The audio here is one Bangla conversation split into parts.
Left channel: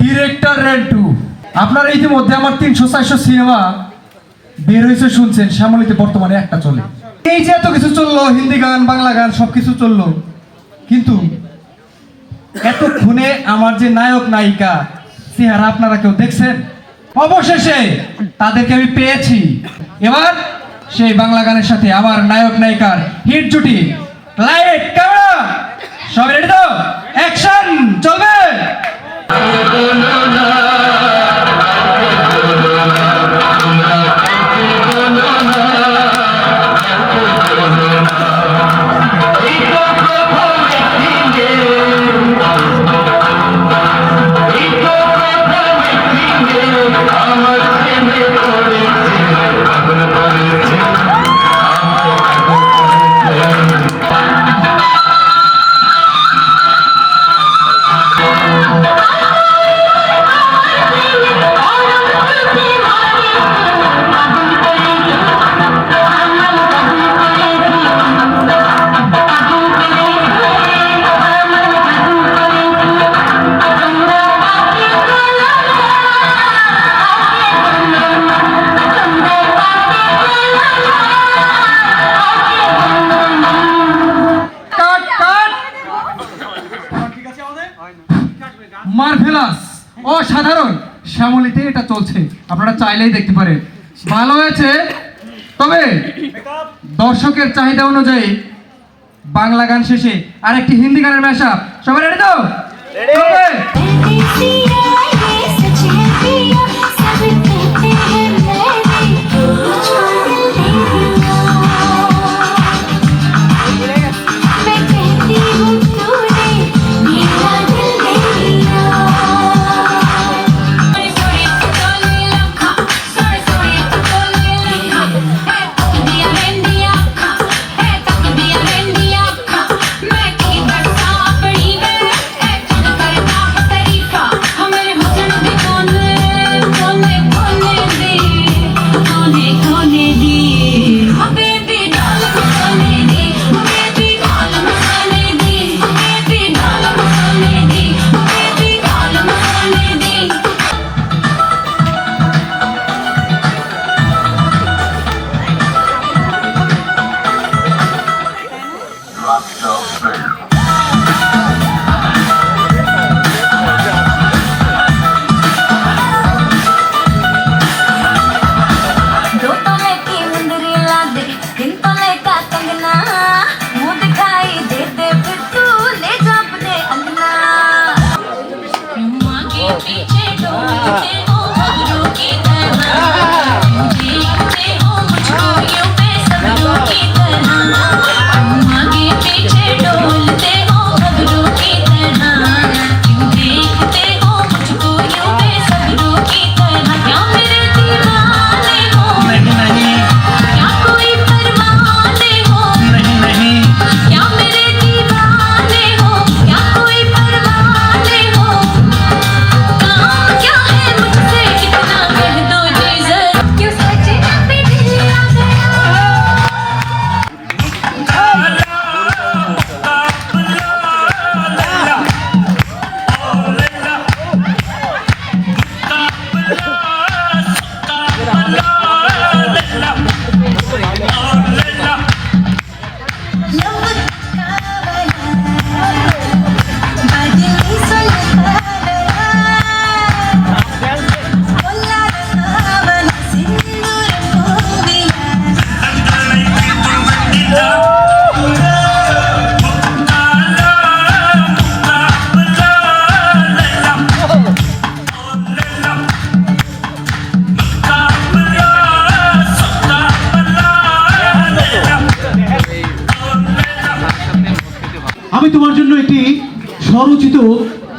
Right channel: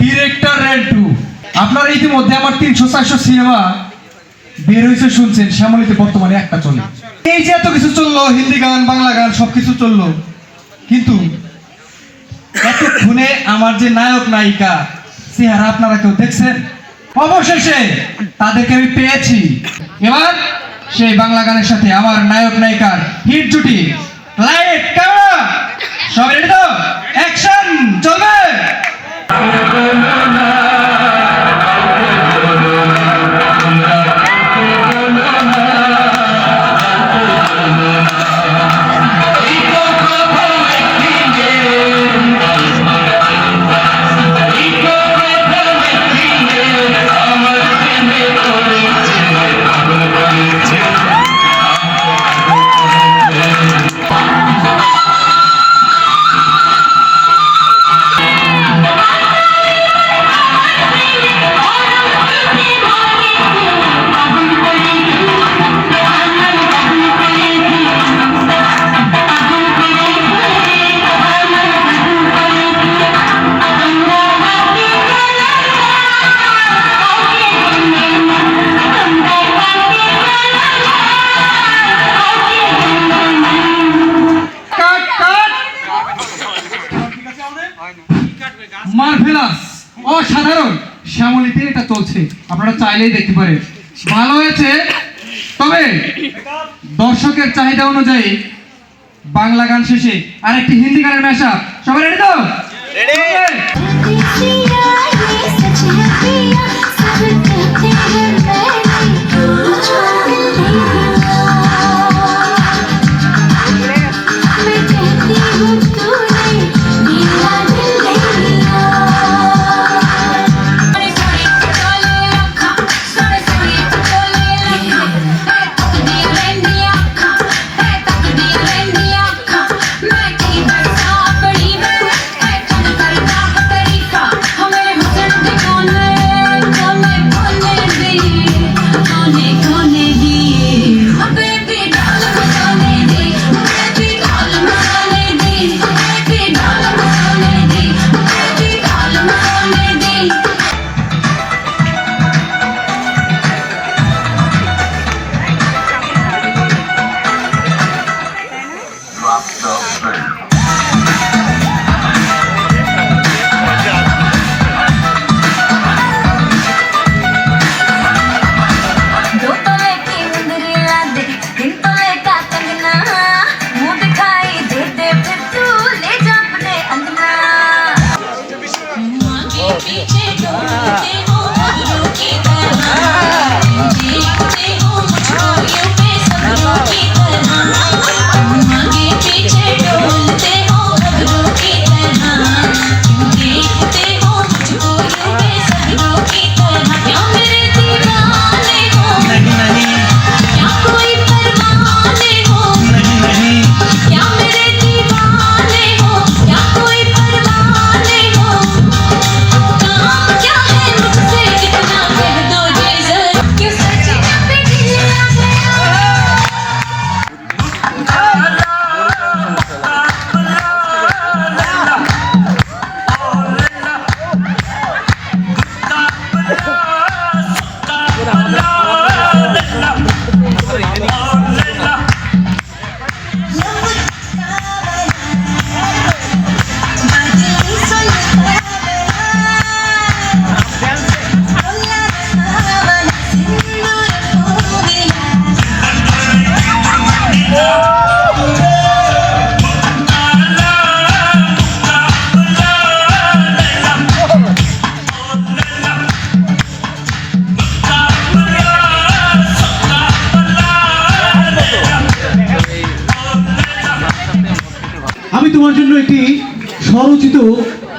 ডিরেক্টর আপনারা ইতিমধ্যে আমার তিনশো, চারশো সিনেমা বের হয়েছে, শুনছেন। শ্যামলিতে বর্তমানে একটা চলে। এই যে এত কিছু চলল, হিন্দি গান, বাংলা গান, সবকিছু চলল। কিন্তু এতক্ষণে আমার যে নায়ক, নায়িকা, চেহারা আপনারা কেউ দেখছেন? অবশেষে তাদেরকে আমি পেয়েছি। এবার সেই বাংলা গানের সাথে আমার নায়ক, নায়িকার হিট জুটি। লাইট ক্যামেরা সব রেডি তো? অ্যাকশন চলবে! কাট মার্ভেলাস অসাধারণ। শ্যামলিতে এটা চলছে। আপনারা চাইলেই দেখতে পারেন। ভালো হয়েছে। তবে দর্শকের চাহিদা অনুযায়ী বাংলা গান শেষে আর একটি হিন্দি গানের মেশা সবাই রেডি তো? চলবে?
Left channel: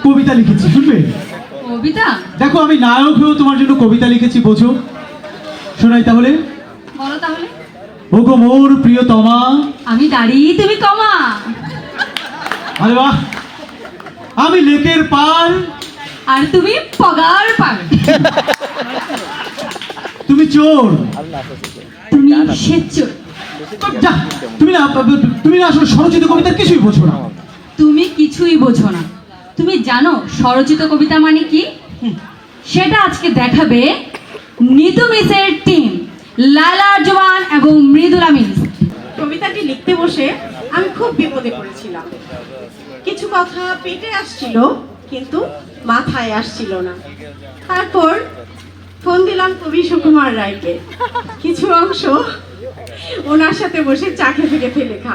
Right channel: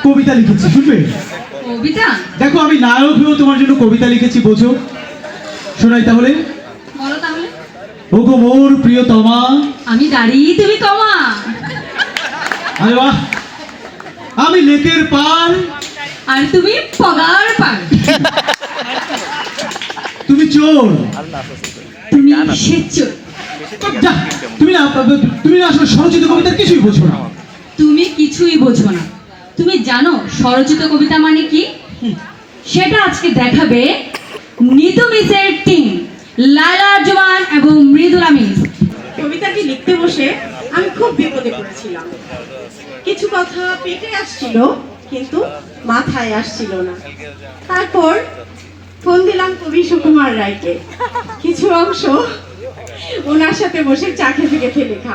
কবিতা লিখেছি শুনবে? কবিতা? দেখো আমি নায়ক হয়েও তোমার জন্য কবিতা লিখেছি বোঝো। শোনাই তাহলে। বলো তাহলে। ও গো মোর প্রিয়তমা আমি দাঁড়িয়ে তুমি কমা আরে বাহ! আমি লেকের পার। আর তুমি পগার পার। তুমি চোর। তুমি সেচ্চর যা, তুমি না তুমি না আসলে স্বরচিত কবিতা কিছুই বোঝো না। তুমি কিছুই বোঝো না। তুমি জানো স্বরচিত কবিতা মানে কি? সেটা আজকে দেখাবে নিতু মিসের টিম লালা জোয়ান এবং মৃদুলা মিস। কবিতাটি লিখতে বসে আমি খুব বিপদে পড়েছিলাম। কিছু কথা পেটে আসছিল কিন্তু মাথায় আসছিল না। তারপর ফোন দিলাম কবি সুকুমার রায়কে। কিছু অংশ ওনার সাথে বসে চা খেতে খেতে লেখা।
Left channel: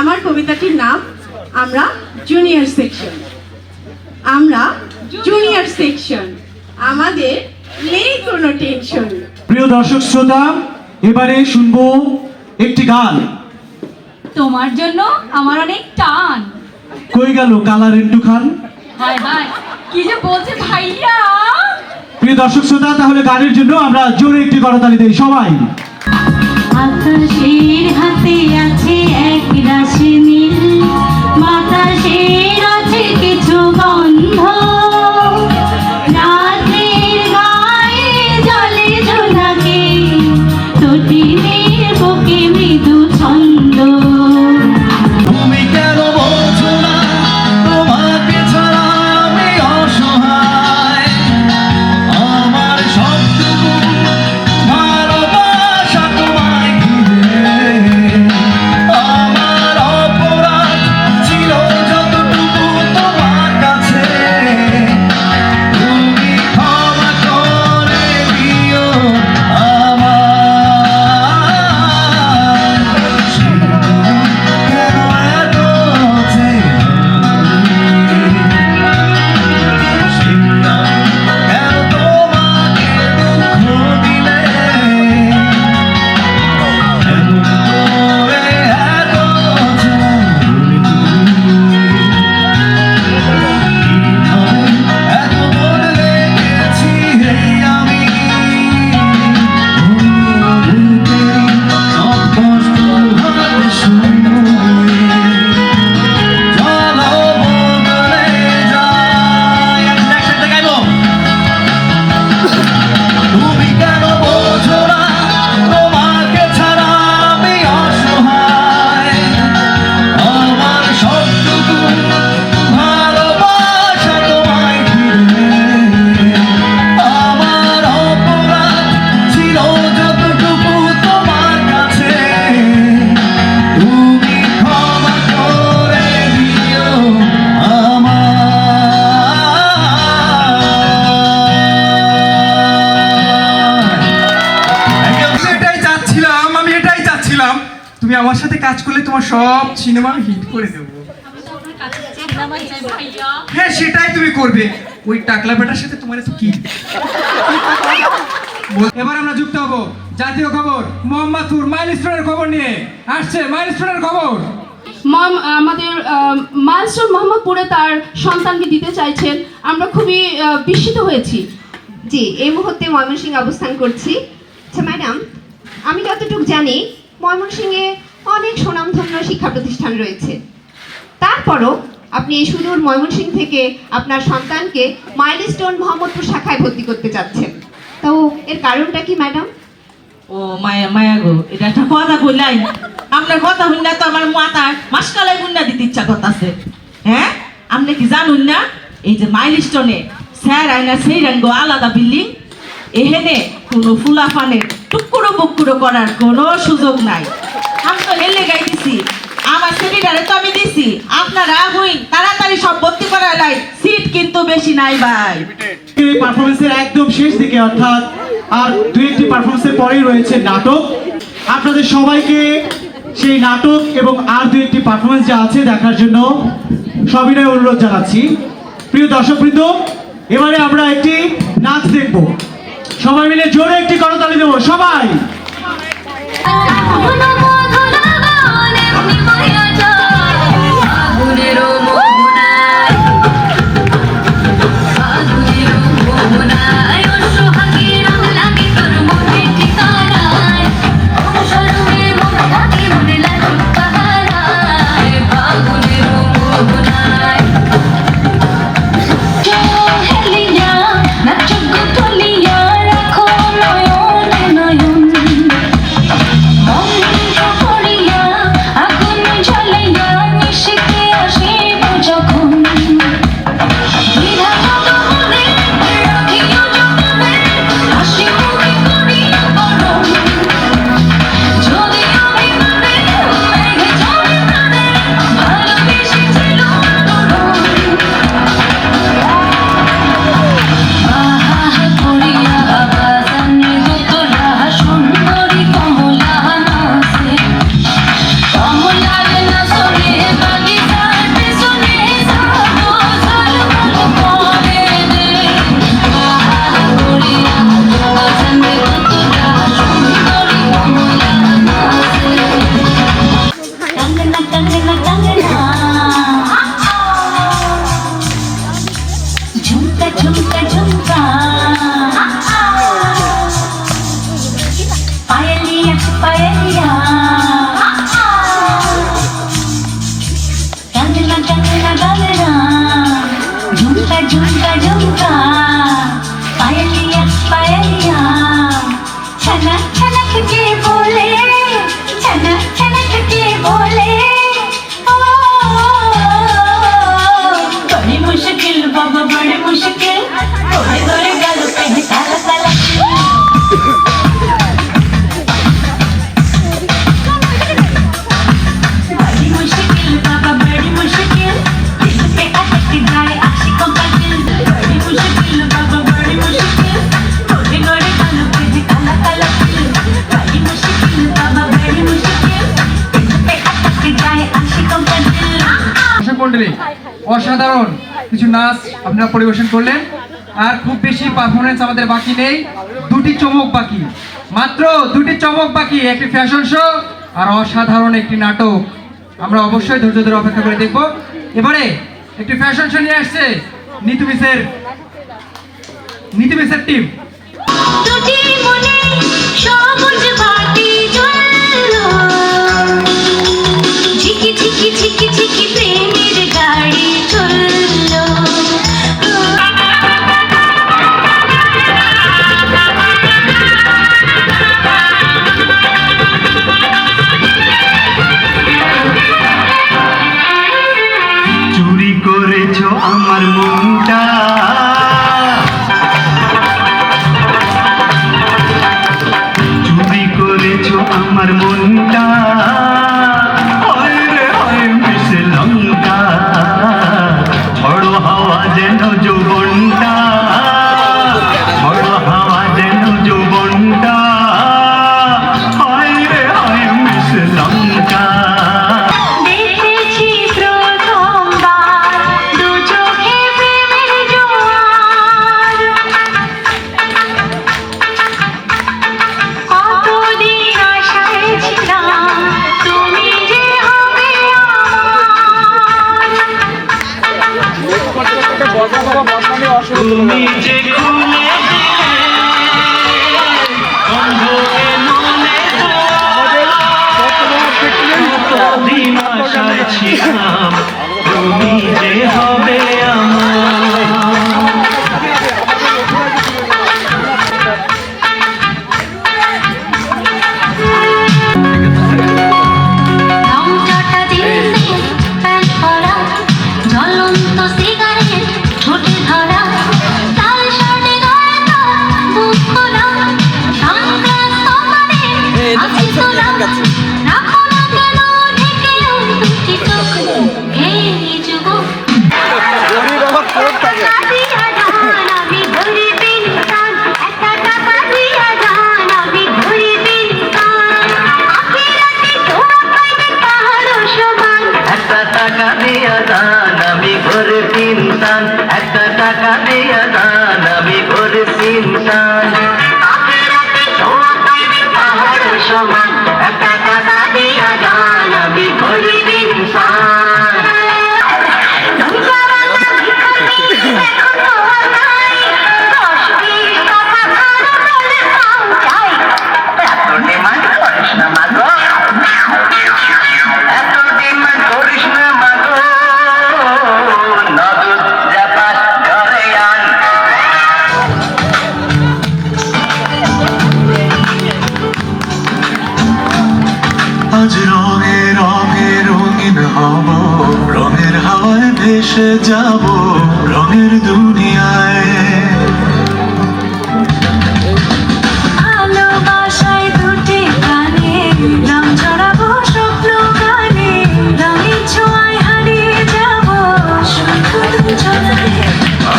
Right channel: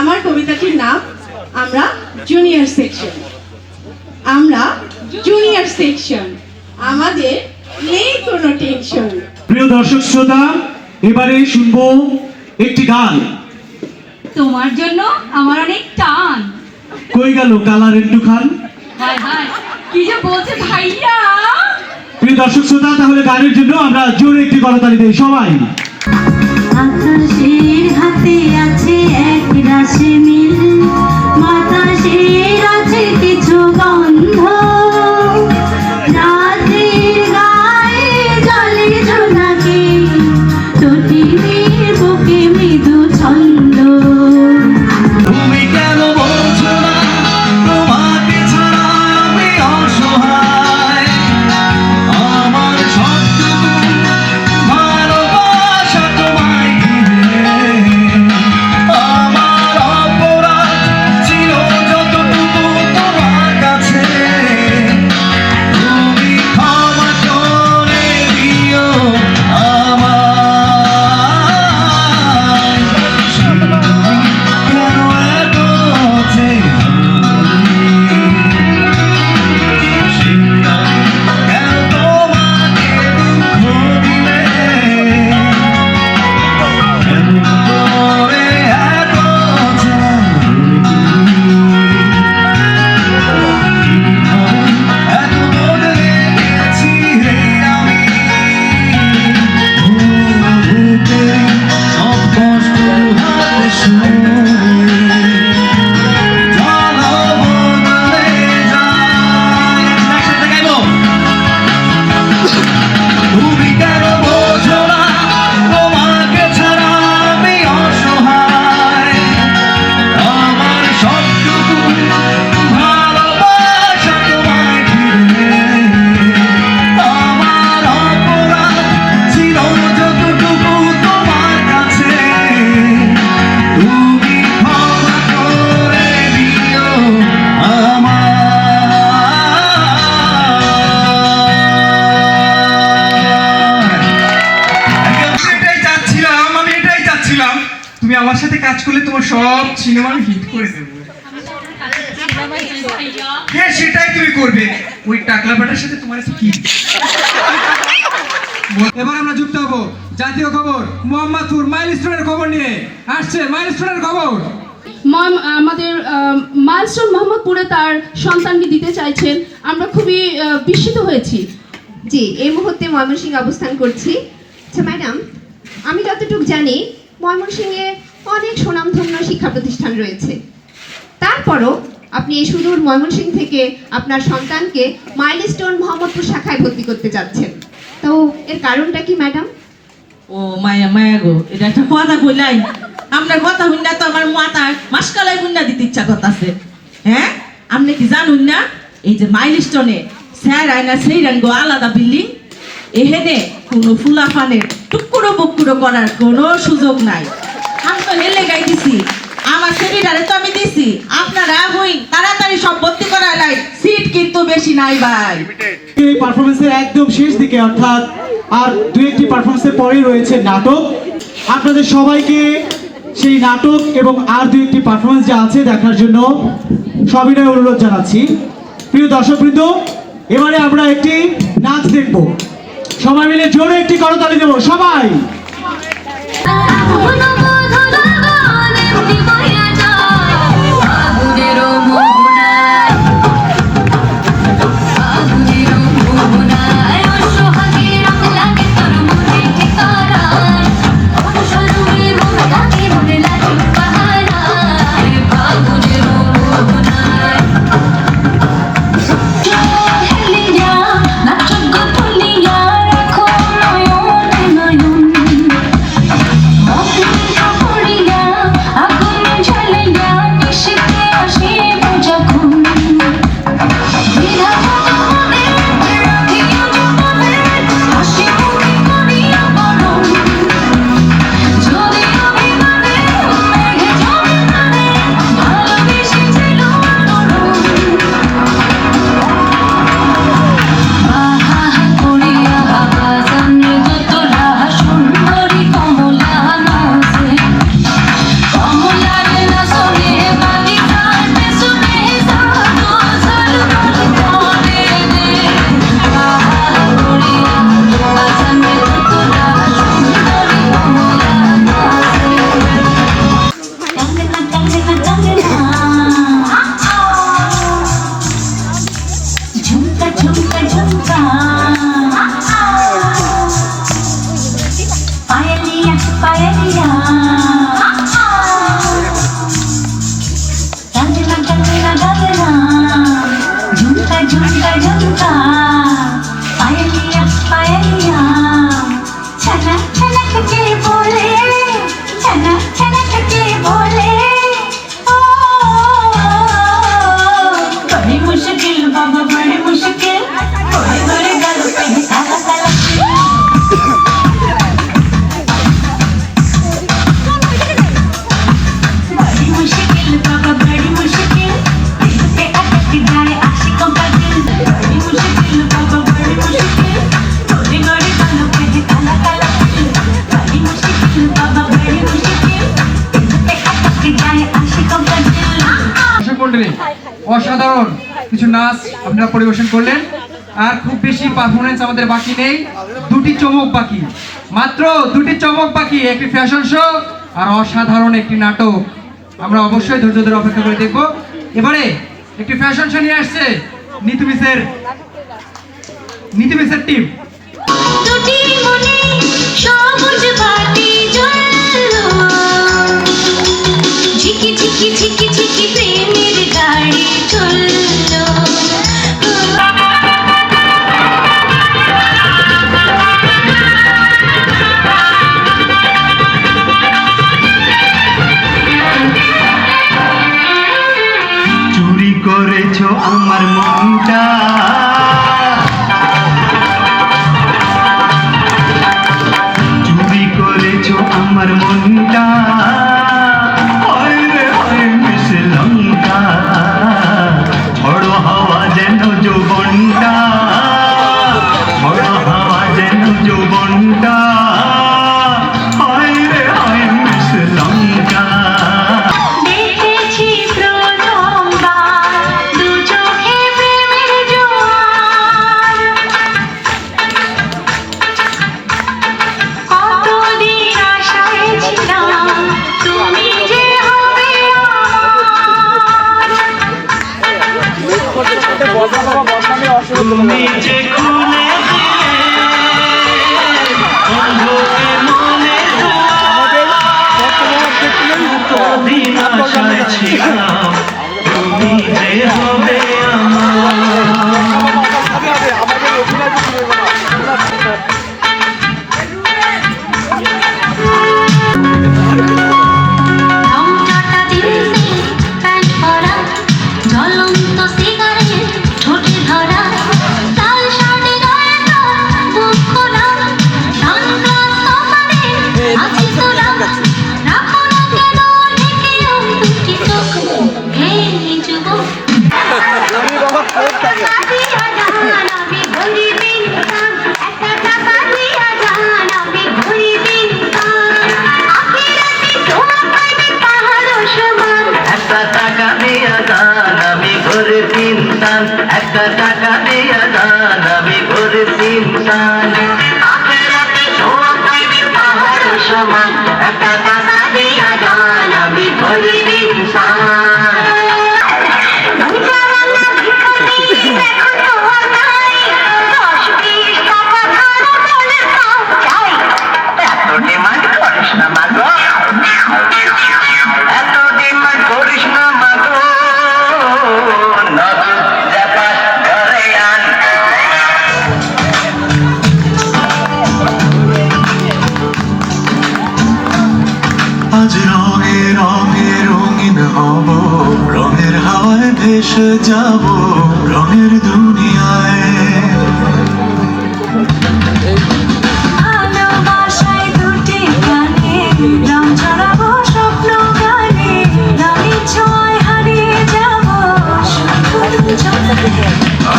আমার কবিতাটির নাম আমরা জুনিয়র সেকশন আমরা জুনিয়র সেকশন আমাদের নেই কোনো টেনশন প্রিয় দর্শক শ্রোতা এবারে শুনব একটি গান। তোমার জন্য আমার অনেক টান। কই গেল কালা রেন্টু খান? হায় হায় কি যে বলছে ভাইয়া? প্রিয় দর্শক শ্রোতা তাহলে গানের জন্য আমরা জোরে একটি করতালি দেই সবাই। আকাশের হাতে আছে এক রাশি নীল। বাতাসের আছে সিনেমা আমি হিট করে দেবো। হ্যাঁ সেটাই তুমি করবে। ওই টাকলা বেটার সাথে তোমার কি? এবার আমরা যুক্ত হব। জাতীয় খবর মোহাম্মদপুর মাইলস্টোনের খবর নিয়ে আসছে মাইলস্টোনের খবর। মম- আমাদের মাইলস্টোন মোহাম্মদপুরে তার সন্তানকে দিতে চাইছেন। আমরা খুবই বিস্মিত হয়েছি। জি এই মুহূর্তে ময়মনসিংহে অবস্থান করছি। আচ্ছা ম্যাডাম আমি যতটুকু জানি ময়মনসিংহে অনেক সুনামধন্য শিক্ষা প্রতিষ্ঠান রয়েছে। তারপরও আপনি এই সুদূর ময়মনসিংহ থেকে আপনার সন্তানকে মাইলস্টোন মোহাম্মদপুর শাখায় ভর্তি করতে চাচ্ছেন। তো এর কারণটা কি, ম্যাডাম? ও, মায়া মায়া গো, এটা একটা কথা কইলাই আপনার কথা শুনলে তো আমার মাথা মাসকালাই বুন্না দিতে ইচ্ছা করতেছে। হ্যাঁ? আপনি কি জানুন না? এই যে মাইলস্টোনে স্যার আয়না সেই গো আলাদা বিল্ডিং। এহেনে কোনো ফুলা ফানের টুকুরো বুকুরো করার কোনো সুযোগ নাই। আমি তো হেলে গাইতেছি। আমার সেমিনারে তো আমি দিছি। আপনারা হই তাড়াতাড়ি সব ভর্তি করা লাই। সিট কিন্তু বেশি নাই ভাই। এই পারফরমেন্সের একদম শেষ দিকে অর্থাৎ আর দু একটি পারফরমেন্সের পরেই রয়েছে নাটক। আপনাদের সবাইকে সেই নাটক এবং আর দু একটি পারফরমেন্স যা আছে দেখার জন্য সবিনয় অনুরোধ জানাচ্ছি। প্রিয় দর্শকবৃন্দ এবারে আমরা একটি নাচ দেখব। সবাই মিলে জোরে একটি করতালি দেবো সবাই! Amigo. আপনারা পরিবেশন করলেন। আর খুব বেশি পারফরমেন্স আমাদের বাকি নেই। দুটি চমক বাকি। মাত্র দুটি চমক বাকি। একটি ফ্যাশন শো আর অসাধারণ একটি নাটক। আমরা অবশ্যই ধৈর্য ধরে অপেক্ষা করে দেখব। এবারে একটি ফ্যাশন শো নিয়ে আসছে নিতু মিসের নিতু মিসের টিম ঝিকি ঝিকি ঝিকি ঝিকি প্রেমের গাড়ি তুমি যে ঘরে কিনতাম একটা টাকা দিয়ে দান আমি করে কিনতাম সমান। ভেসে যাব রঙের দুনিয়ায়।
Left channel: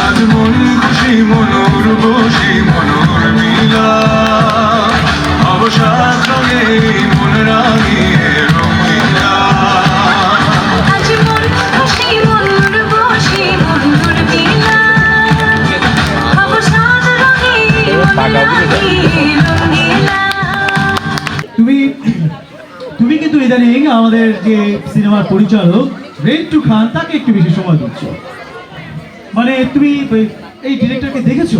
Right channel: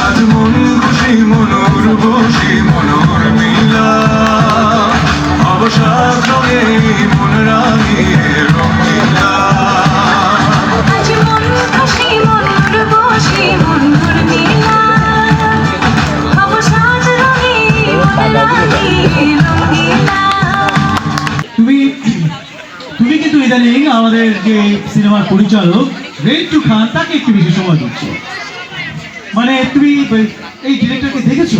আজ মন খুশি মনুর বসি মনুর মিলা। অবসাদ রঙে তুমি তুমি কিন্তু ইদানিং আমাদের যে সিনেমার পরিচালক রেন্টু খান তাকে একটু বেশি সময় দিচ্ছ। মানে তুমি, এই ডিরেক্টরকে দেখেছ?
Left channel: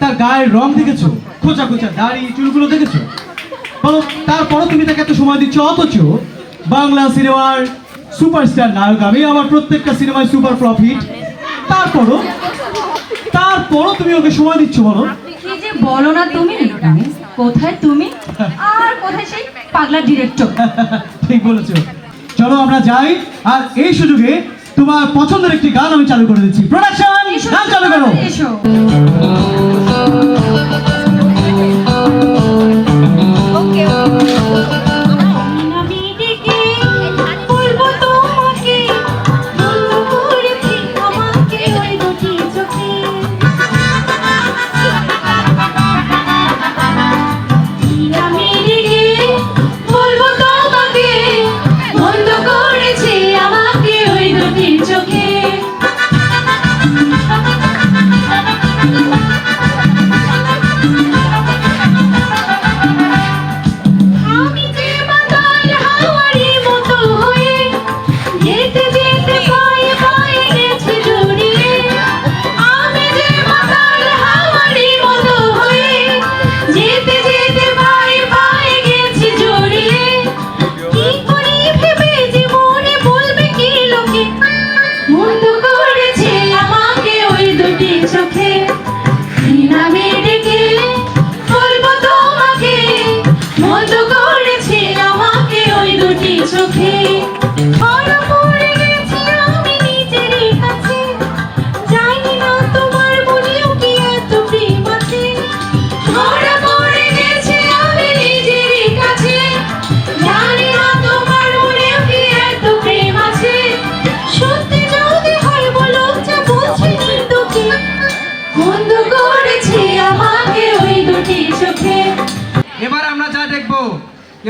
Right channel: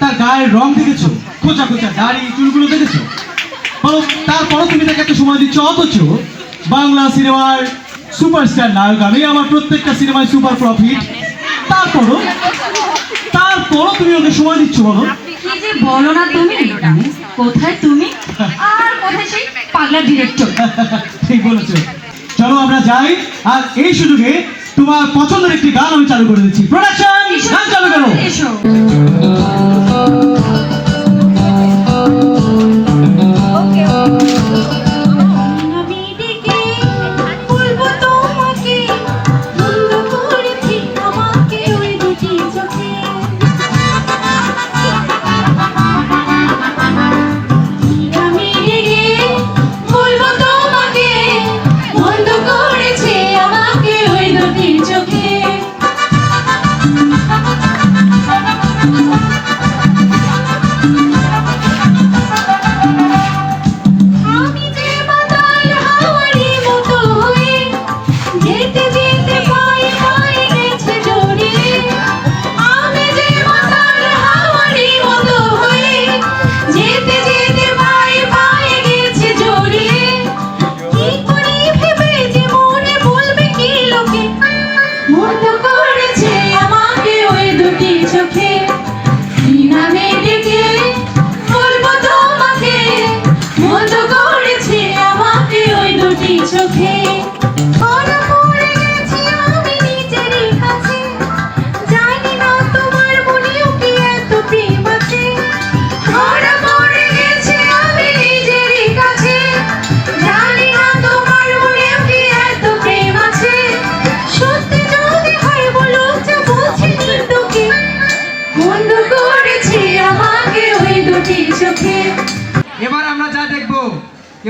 তার গায়ের রং দেখেছ? খোঁচা খোঁচা দাড়ি, চুলগুলো দেখেছ? বলো, তারপরও তুমি তাকে এত সময় দিচ্ছ? অথচ বাংলা সিনেমার সুপারস্টার নায়ক আমি, আমার প্রত্যেকটা সিনেমায় সুপার প্রফিট। তারপরও তারপরও তুমি ওকে সময় দিচ্ছ, বলো? কি যে বলো না তুমি কোথায় তুমি? আর কোথায় সেই পাগলা ডিরেক্টর ঠিক বলেছ। চলো আমরা যাই। আর এই সুযোগে তোমার পছন্দের একটি গান আমি চালু করে দিচ্ছি। প্রোডাকশন গান চালু করো। এসো। বন্ধ করেছে আমাকে ওই দুটি চোখে।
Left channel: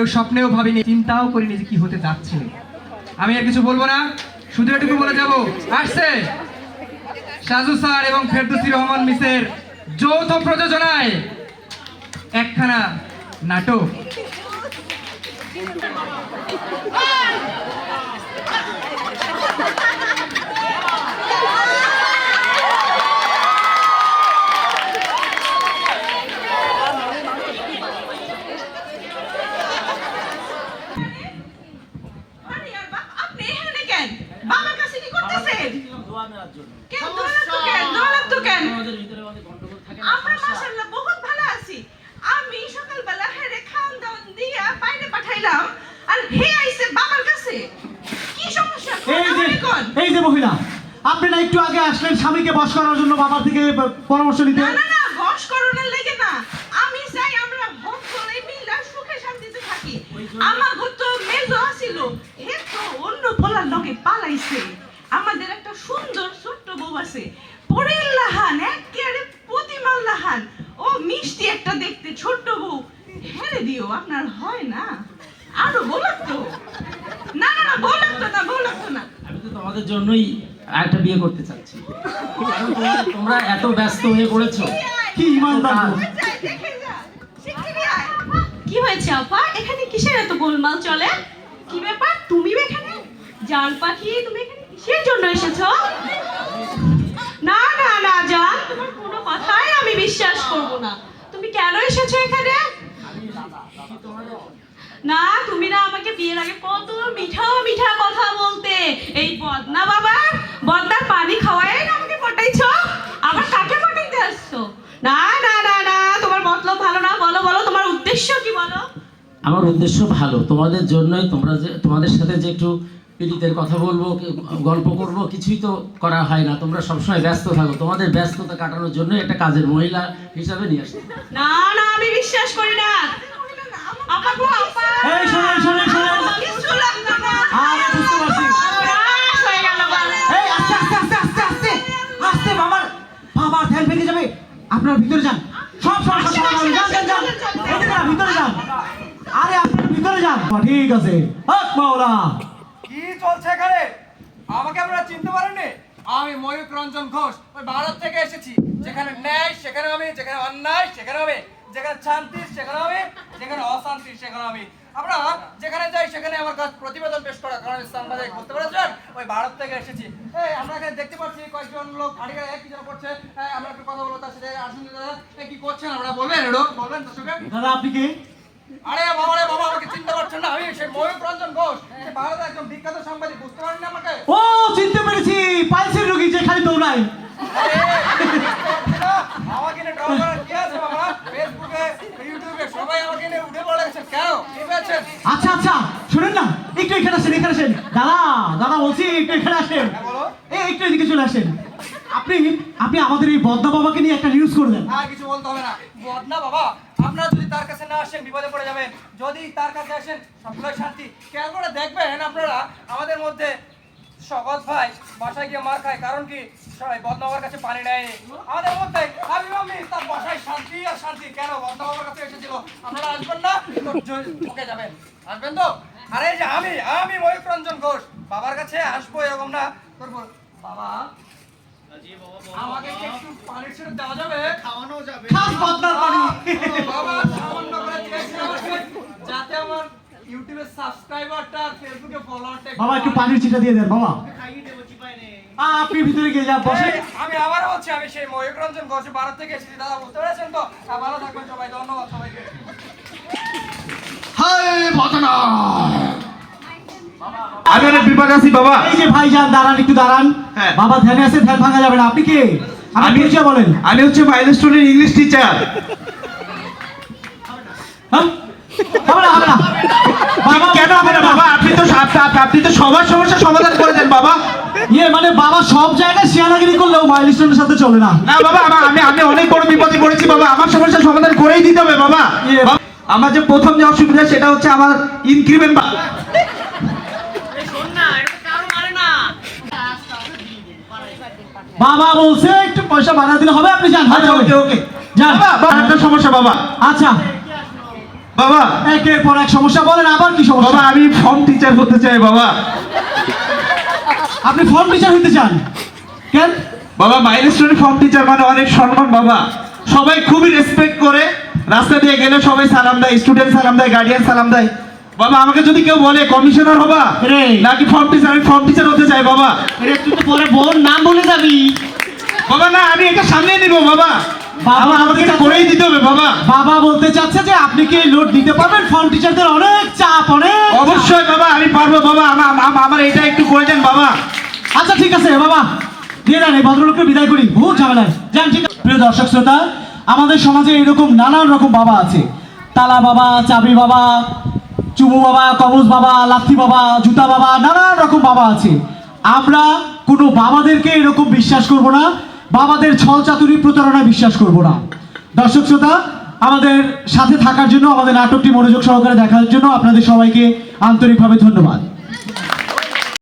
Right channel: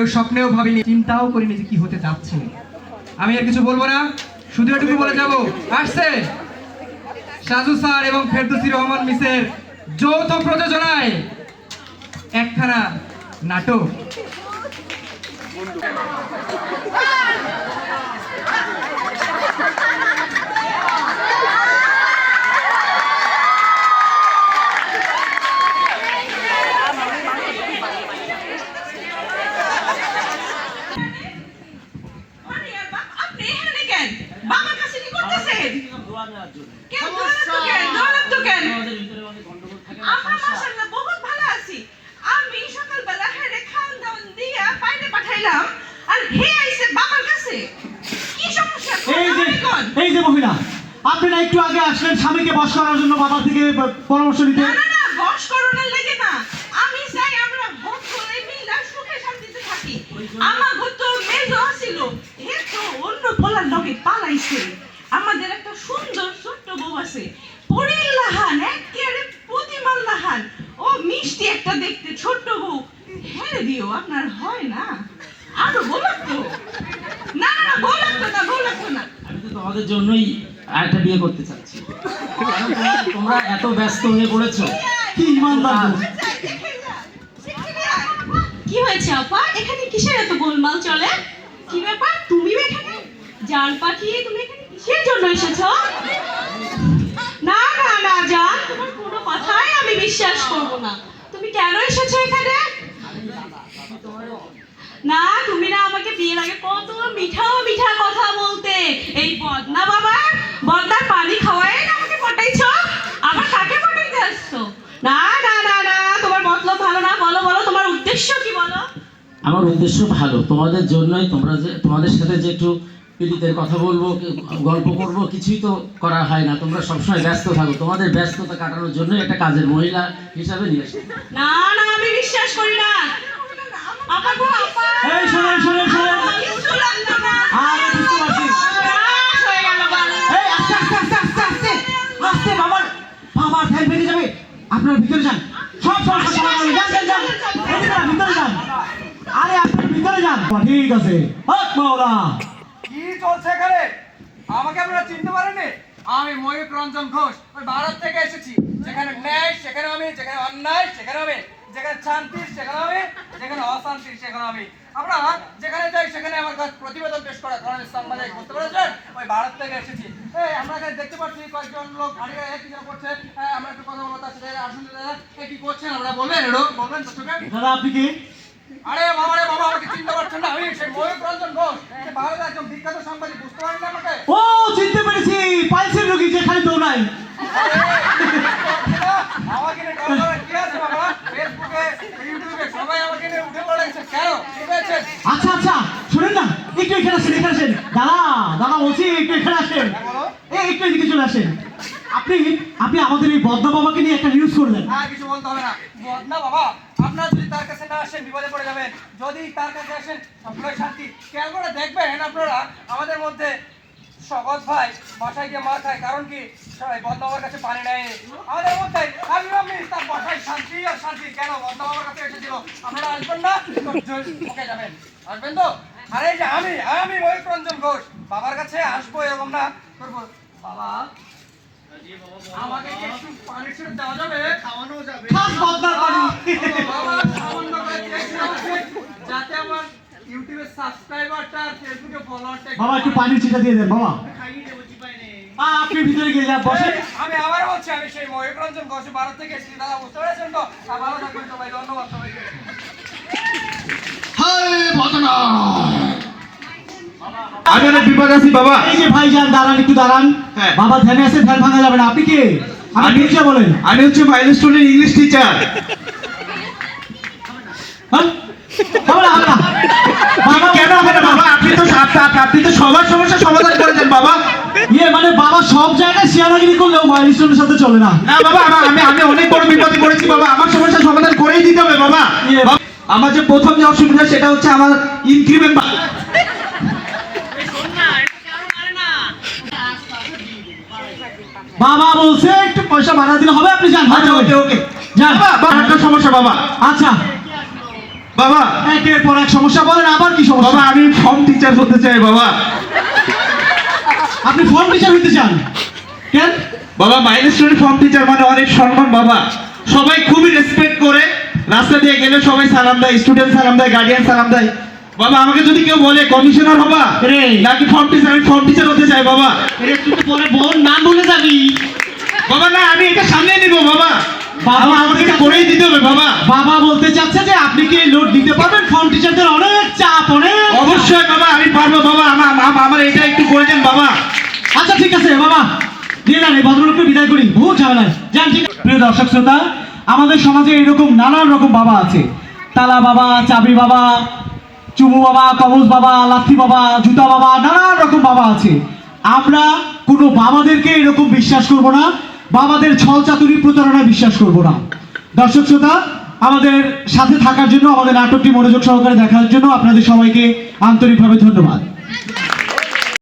কেউ স্বপ্নেও ভাবিনি, চিন্তাও করিনি যে কি হতে যাচ্ছে। আমি আর কিছু বলব না, শুধু এটুকু বলে যাব। আসছে সাজু স্যার এবং ফেরদুসি রহমান মিসের যৌথ প্রযোজনায় একখানা নাটক এখানে কেন বাবার কাছে কি করতেছেন কেন দোয়ালাত কেন বহুত ভালো আছি। আমি সকালবেলা হেরে দিয়া বাইরে পাঠাইলাম আর হে আইছে বাবার কাছে। কি সমস্যা? এই যে এই যে মহিলা আপনি না একটু আগে আসলেন স্বামীকে বস করার জন্য বাবা থেকে পরামর্শ নিতে? না না বস করোনার লেগে না। আমি চাই আমরা ভোট করে মিলা সুখে শান্তিতে থাকি। আমার ঘর তো মেজো আসিল হে তো অন্য পোলার লগে পালাইছে। আমাদের একটা সুন্দর ছোট্ট বউ আছে। পরের লাহান একেবারে প্রতিমার লাহান। ও মিষ্টি একটা দেখতে ছোট্ট বউ হেরে দিও আপনার হয় না। আরও বলার তো। না না না তো না বলার তো না। আমি তো তোমাদের জন্যই একটা বিয়ে করতে চাচ্ছি। তোমরা- তোমরা এত ব্যস্ত হয়ে পড়েছো। কি ইমানদার। কি হয়েছে আপা? এখানে কিসের এত গোলমাল চলে? কি ব্যাপার? তুমি এখানে? জান পাখি তুমি এখানে কিসের জন্য এসেছ? বিশ্বাস করব না। তুমি কেন এসেছ এখানে? না, তুমি না আমাকে বিয়ের আগে কত মিঠা মিঠা কথা বলতে। এই বদনা বাবা বদনার পানি খাওয়াই না আমাকে পটাইছো? আবার কাকে পটাইতে আসছো? না না না না, তোমার মতলব ভালো না। বলো বলো, তোমার উদ্দেশ্য কি বলো? আমার উদ্দেশ্য ভালো। তোমাদের জন্যই তোমরা যে, তোমাদের সাথে যে একটু পীড়িতের কথা বলব গল্প করব কিছুই তো করা হয় না। তোমরা সবসময় ব্যস্ত থাকো। তোমাদের ব্যস্ততা কাটানোর জন্য একটা কাজের মহিলা হিসাবে নিয়ে আসি। না না আমি বিশ্বাস করি না। এই শোনেন শোনেন শোনেন। আরে বুঝতে পারছি। হয়ে। এই আস্তে আস্তে আস্তে আস্তে আস্তে আস্তে বাবার বাবার ফ্যান ভেঙে যাবে। আপনার ভিতরে যান। সব যান যান যান। ভিতরে যান। আরে আপনি ভিতরে যান। ঠিক আছে। হক মাওলা। কি চলছে এখানে? আমাকে আপনারা চিনতে পারেননি? আমি ময়ূক রঞ্জন ঘোষ, ওই ভারত থেকে এসেছি। যেখানে ন্যায়, সেখানে আমি, যেখানে অন্যায়, সেখানে আমি, যেখানে শান্তি, সেখানে আমি, যেখানে অশান্তি, সেখানে আমি। আমরা যেখানে যাই, সেখানে আমার কাছে প্রতিবেদন পেশ করা কারণ বাজার বুঝতে পেরেছেন, ওই ভারত থেকে এসেছি। এই আমরা এখানে দেখতে পাচ্ছি কয়েকজন লোক গাড়ি গাড়ি কি যেন করছে? আমরা একটু কথা বলব তার সাথে, আসুন দাদা কি করছেন? আমরা বলবেন বলবেন দাদা, আপনি কে? আরে বাবা রে বাবা আমাকে চিনতে পারছেন না। আমি ময়ূর রঞ্জন ঘোষ সে ভারতের একজন বিখ্যাত সাংবাদিক বুঝতে পারেন না আমাকে? ও চিনতে পেরেছি। পাইলসের রোগী যে খালি দৌড়ায় আরে, বুঝতে পারছেন না? আমাকে নিয়ে ড্রামা করার কি আছে বাবা? ফেসবুকে ইউটিউবে সবাই আমাকে নিয়ে উঠে পড়ে কেন? পেয়েছেন আচ্ছা আচ্ছা শুনেন না। একটু এখানে আসেন এখানে আসেন। দাদা দাদা বলছি একটু এখানে আসেন। এই একটু এদিকে চলে আসেন। আপনি আপনি আমাদের এই বদনা বাবাকে নিয়ে একটা নিউজ করলেন। আর কিছু বলতে হবে না। বদনা বাবা আসেন বিপদে পড়ে যাবেন। যদি তার কাছে আসেন সবসময় শান্তি। খেয়াল করে দেখবেন আপনারা, আমাদের মধ্যে সগত ভাই বাসায় গিয়ে মার খায়। কারণ কি? সবাই বদনা কাছে পানি নেয়নি। আমাদের মধ্যে আমি মামি তার বাসায় শান্তি আর শান্তি। কেন বদনা বাবার কাছে এসেছিল? আপনারা আসবেন না? ওকে যাবেন। আসবেন তো? আরে যে আমি আমি ময়ূর রঞ্জন ঘোষ। বাবার কাছে আসব এরকম না। করব বাবা আমাকে একটু পানি দেওয়া যাবে? খাওয়ানো যাবে। খাস বদনার পানি বাবা সামান্য করে যাতে আমার ইউটিউবে সাবস্ক্রাইবারটা আর ফেসবুকে ফলোয়ারটা বাবা একটু পানির চিটা দিয়ে দেন বাবা। আ, আপনি ভিতরে গিয়ে যান বসে। আমি আবার বলছি আমি সেই ময়ূর রঞ্জন ঘোষ ভারত থেকে এসেছি দাদা বুঝতে পেরেছেন তো? ভালো থাকবেন সবাই ধন্যবাদ সবাইকে। আমি অনেক বিভাগ আছি বাবা। এই যে ভাই যান দাঁড়ান একটু দাঁড়ান। হ্যাঁ। বাবা ধ্যানে আছে ধ্যান ভাঙা যাবে না। আপনি কে? আমি- বলেন। আমি হচ্ছে মাইলস্টোনের ইংলিশ টিচার। হবে না হবে না বাবা কেন হবে না বাবা? আপনি তো আপ- আপ- আপনি তো সবার সমস্যা সমাধান করে দেন বাবা। ইয়ে মানে বাবা সব জায়গায় শিয়ানাগিরি করলেও মাইলিস্টনের সাথে চলে না। না বাবা আমি আমি অনেক বড় বিপদে পড়েছি বাবা। আমার সমস্যা সমাধান করেই দিতে হবে ইয়ে, বাবা, আমার যে প্রথম যে অসুবিধা সেটা হচ্ছে আমার ইনক্রিমেন্ট বাবা বলছে একটু পয়সা বাড়া দিলে হবে আপনি যান আচ্ছা ওকে ওকে। যান। বাবা একটা সমস্যা বাবা। আচ্ছা। বাবা। একের পর এক সমস্যা বলেন আবার কি সমস্যা? বাবা আমি ফর্ম টিচার হতে চাই বাবা। আপনি ফর্ম টিচার হইতে চান? কেন? বাবা মাইলস্টোনের ফর্ম টিচার মানে অনেক সম্মান বাবা। সবাই খুবই রেসপেক্ট করে। রাস্তা দিয়ে গেলে সবাই সালাম দেয় স্টুডেন্ট সালাম দেয় গার্ডিয়ান সালাম দেয়। বাবা আমাকে যদি কেউ বলে কমিশনার হবা রে। নাকি ফর্ম টিচার আমি ফর্ম টিচার হতে চাই বাবা। একটু তো পরে বোন নাম বলে যাবি। বাবা না আমি এটা সামনে নিব বাবা। বাবা আমাকে এটা করেই দিতে হবে বাবা। বাবা বলতে চাচ্ছে যে আপনি কি লোড দিতে পারবেন? ফর্ম টিচারদের অনেক চাপ অনেক অবশ্যই বাবা আমি পারব বাবা। আমার- আমার এটা একটু করে দেন বাবা। আচ্ছা ঠিক আছে বাবা। দিয়ে দেন এই ভদ্রলোককে বিদায় করি। বহু ঝামেলায়। যান ঠিক আছে। প্রিয় দর্শক শ্রোতা আমাদের সমাজে এরকম নানান রকম বাবা আছে। তালা বাবা চাবি বাবা চুমু বাবা কবজ বাবা, লাথি বাবা, জুতা বাবা নানান রকম বাবা আছে। আমরা কোনো বাবাদেরকে এরকম বিশ্বাস করব না, বাবাদের ছল চাতুরি প্রতারণায় বিশ্বাস করব না। দর্শক শ্রোতা, আমাদের সাথে থাকার জন্য, আমাদের নাটকটি মনোযোগ সহকারে দেখার জন্য আপনাদের সবাইকে আন্তরিকভাবে ধন্যবাদ।